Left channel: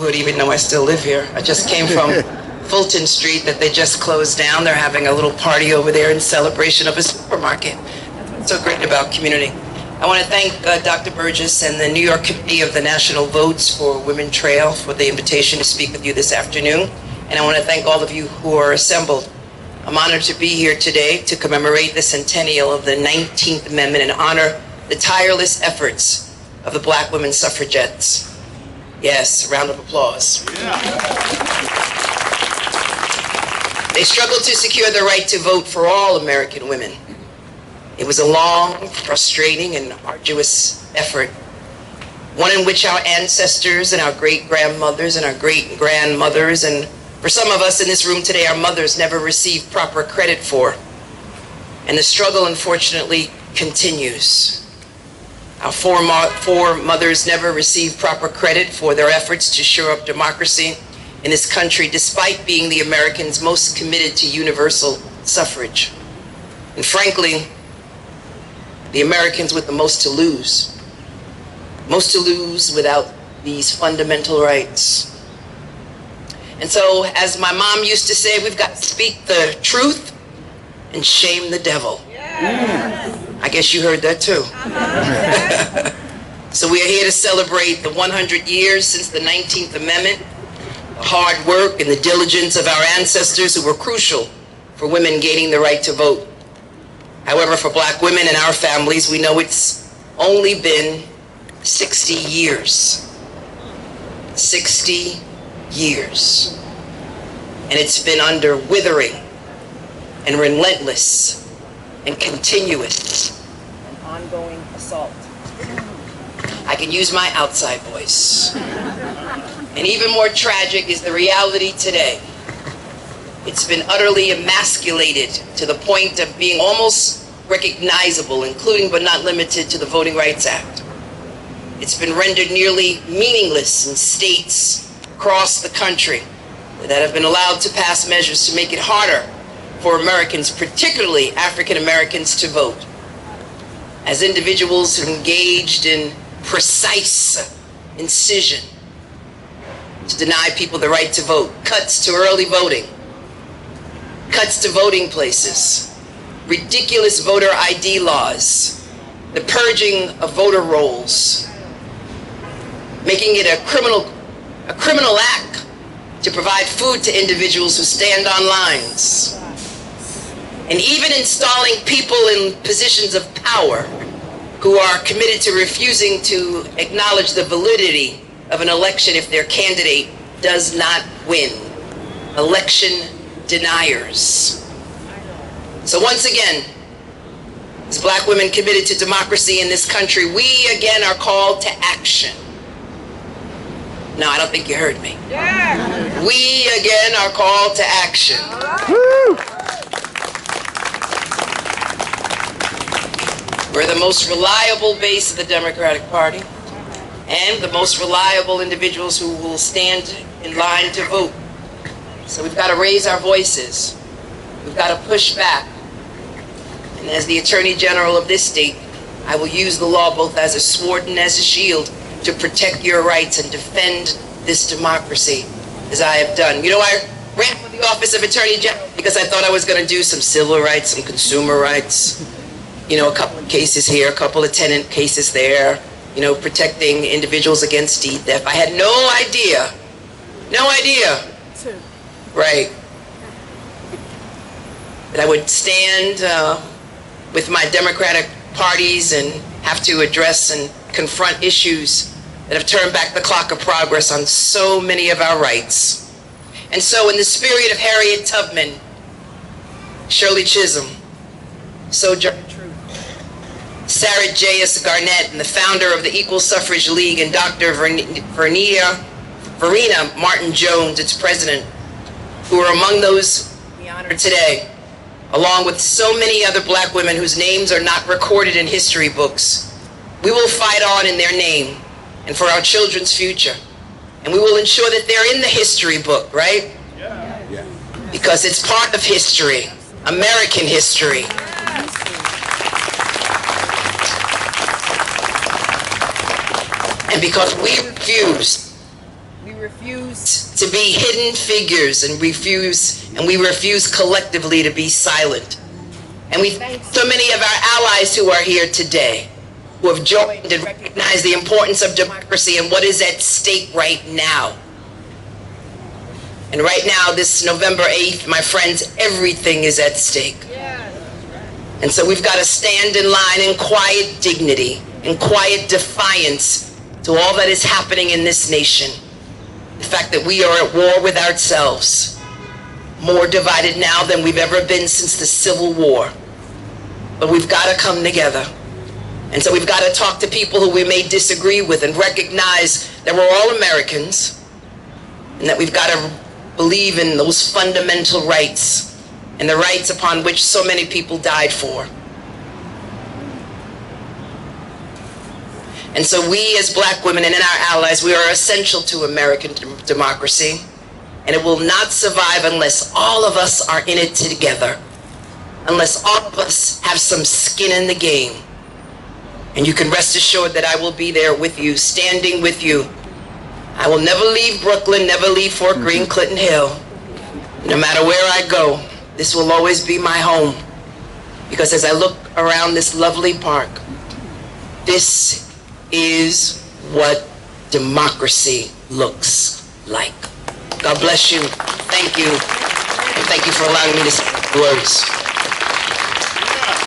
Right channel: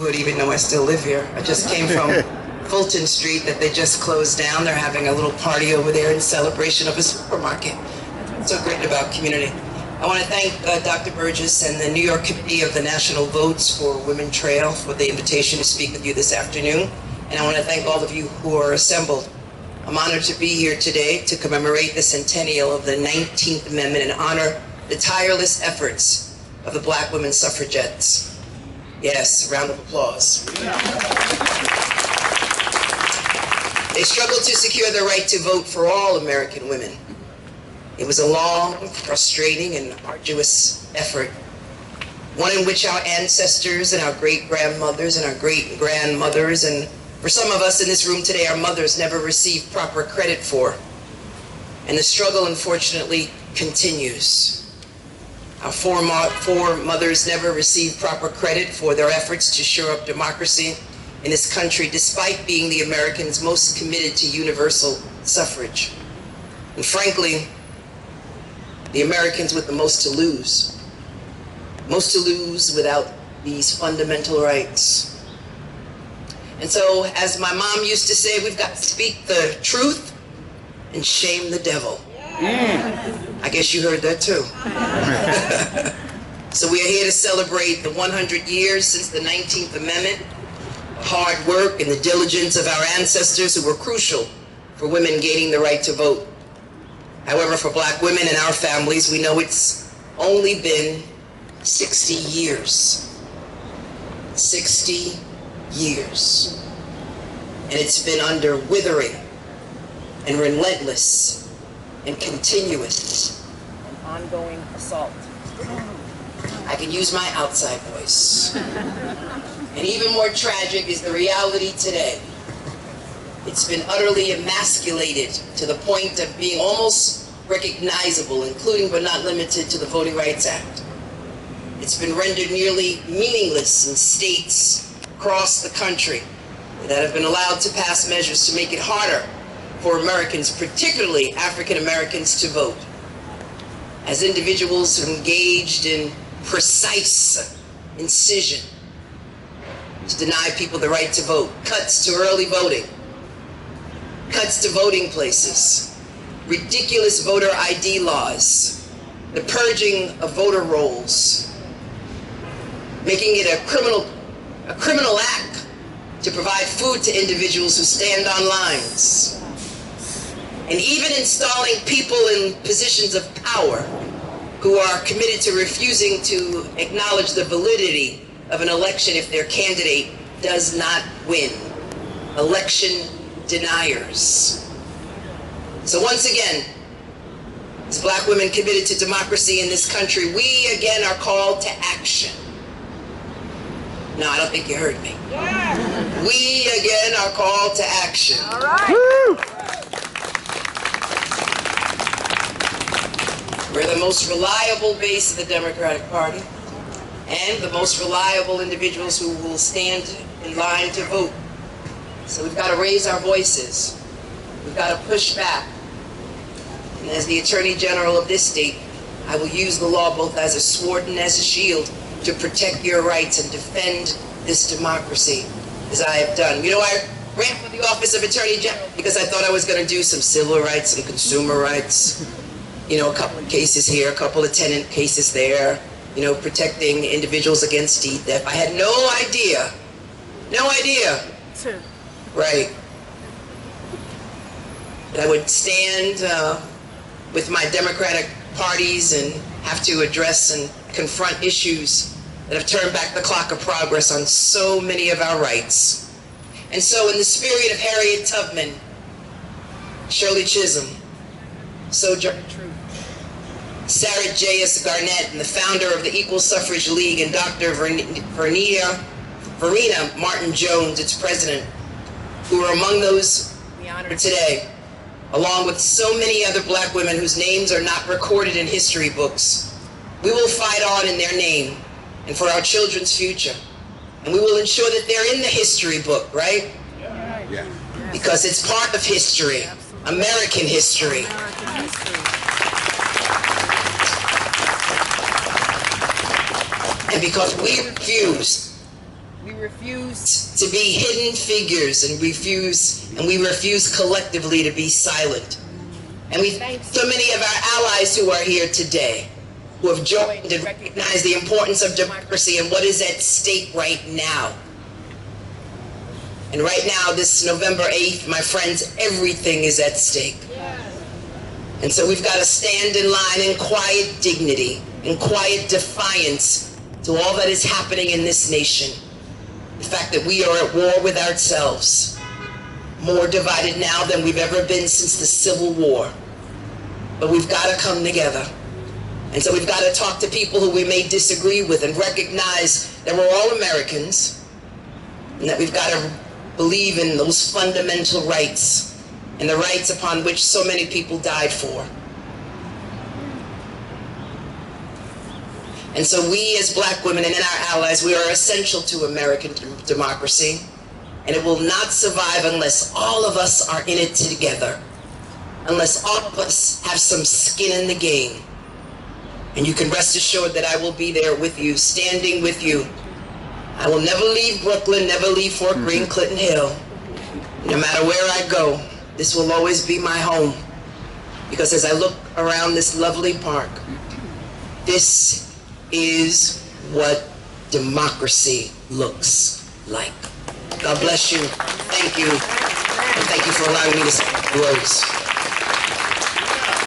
Even though I still live here. I just came from Fulton Street that they just closed down. They're having a little party over there in celebration of a supermarket. That's what's so great about community. I want to thank Dr. Burgess and the New York Committee of the National Votes for Women Trail for the invitation to speak with you this afternoon. And I want to thank all of you who are assembled. I'm honored to be here today to commemorate the centennial of the 19th Amendment and honor the tireless efforts of the Black women suffragettes. Yes, a round of applause. They struggled to secure the right to vote for all American women. It was a long, frustrating, and arduous effort, one in which our ancestors and our great-grandmothers and our great-grandmothers, and for some of us in this room today, our mothers never received proper credit for. And the struggle, unfortunately, continues. Our foremothers never received proper credit for their efforts to shore up democracy in this country, despite being the Americans most committed to universal suffrage. And frankly, the Americans with the most to lose. Most to lose without these fundamental rights. And so, as my mom used to say, we've got to speak the truth and shame the devil. I guess you heard that too. So we are here to celebrate the 100 years since the 19th Amendment, the hard work and the diligence of our ancestors who were crucial for women gaining the right to vote. However, for Black women and our families, we know it's only been 60 years. 60 years. And it's been under withering and relentless and continuous and ongoing assault. I can use my outside voice. And even more tragic is the reality today. It's been utterly emasculated to the point of being almost recognizable, including but not limited to the Voting Rights Act. It's been rendered nearly meaningless in states across the country that have been allowed to pass measures to make it harder for Americans, particularly African Americans, to vote. As individuals who engaged in precise incision to deny people the right to vote, cuts to early voting, cuts to voting places, ridiculous voter ID laws, the purging of voter rolls, making it a criminal act to provide food to individuals who stand on lines, and even installing people in positions of power who are committed to refusing to acknowledge the validity of an election if their candidate does not win. Election deniers. So once again, as Black women committed to democracy in this country, we again are called to action. No, I don't think you heard me. Yeah. We again are called to action. All right. Woo! We're the most reliable base of the Democratic Party and the most reliable individuals who will stand in line to vote. So we've got to raise our voices. We've got to push back. And as the Attorney General of this state, I will use the law both as a sword and as a shield to protect your rights and defend this democracy as I have done. You know, I ran for the office of Attorney General because I thought I was going to do some civil rights, some consumer rights. You know, a couple of cases here, a couple of tenant cases there, you know, protecting individuals against deed theft. I had no idea, right, that I would stand with my Democratic parties and have to address and confront issues that have turned back the clock of progress on so many of our rights. And so in the spirit of Harriet Tubman, Shirley Chisholm, Sojourner Truth, Sarah J.S. Garnett, and the founder of the Equal Suffrage League, and Dr. Verena Martin Jones, its president, who are among those we honor today, along with so many other Black women whose names are not recorded in history books. We will fight on in their name and for our children's future. And we will ensure that they're in the history book, right? Yeah. Because it's part of history, American history. And because we refuse refuse to be hidden figures, and we refuse collectively to be silent. And we thank so many of our allies who are here today, who have joined and recognized the importance of democracy and what is at stake right now. And right now, this November 8th, my friends, everything is at stake. And so we've got to stand in line in quiet dignity, in quiet defiance to all that is happening in this nation. The fact that we are at war with ourselves, more divided now than we've ever been since the Civil War. But we've got to come together. And so we've got to talk to people who we may disagree with and recognize that we're all Americans and that we've got to believe in those fundamental rights and the rights upon which so many people died for. And so we as black women and our allies, we are essential to American democracy, and it will not survive unless all of us are in it together, unless all of us have some skin in the game. And you can rest assured that I will be there with you, standing with you. I will never leave Brooklyn, never leave Fort Greene, Clinton Hill. No matter where I go, this will always be my home. Because as I look around this lovely park, this is what democracy looks like. God bless you. Thank you. And thank you for allowing me to say the words.